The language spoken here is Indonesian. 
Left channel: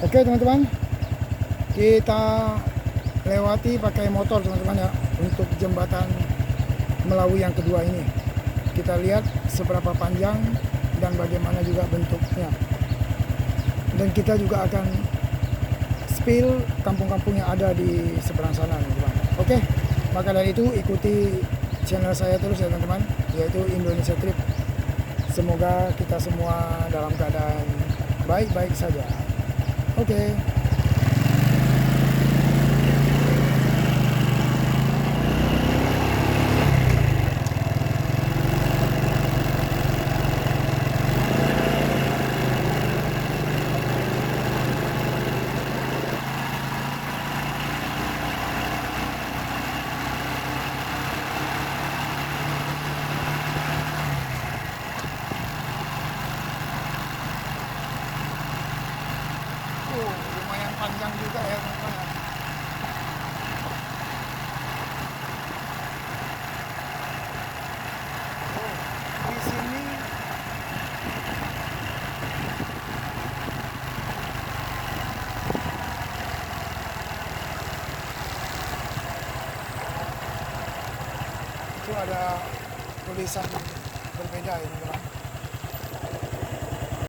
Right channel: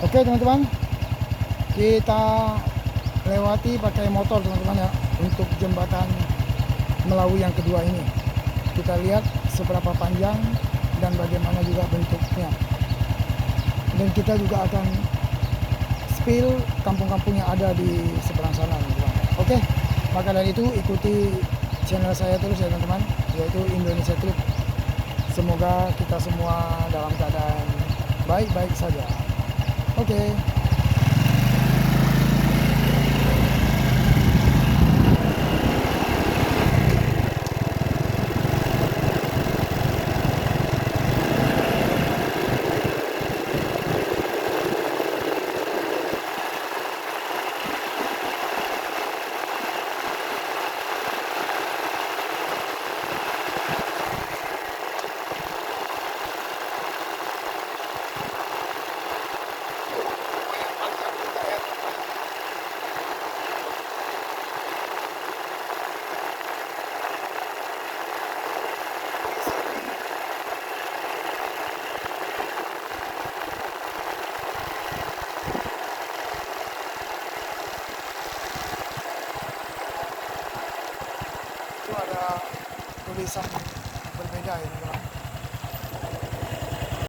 Oke teman-teman, kita lewati pakai motor teman-teman ya untuk jembatan Melawi yang kedua ini. Kita lihat seberapa panjang dan bagaimana juga bentuknya. Dan kita juga akan spill kampung-kampung yang ada di seberang sana teman-teman. Oke, maka dari itu ikuti channel saya terus ya teman-teman, yaitu Indonesia Trip. Semoga kita semua dalam keadaan baik-baik saja. Oke. Lumayan panjang juga ya. Di sini itu ada tulisan berbeda ya.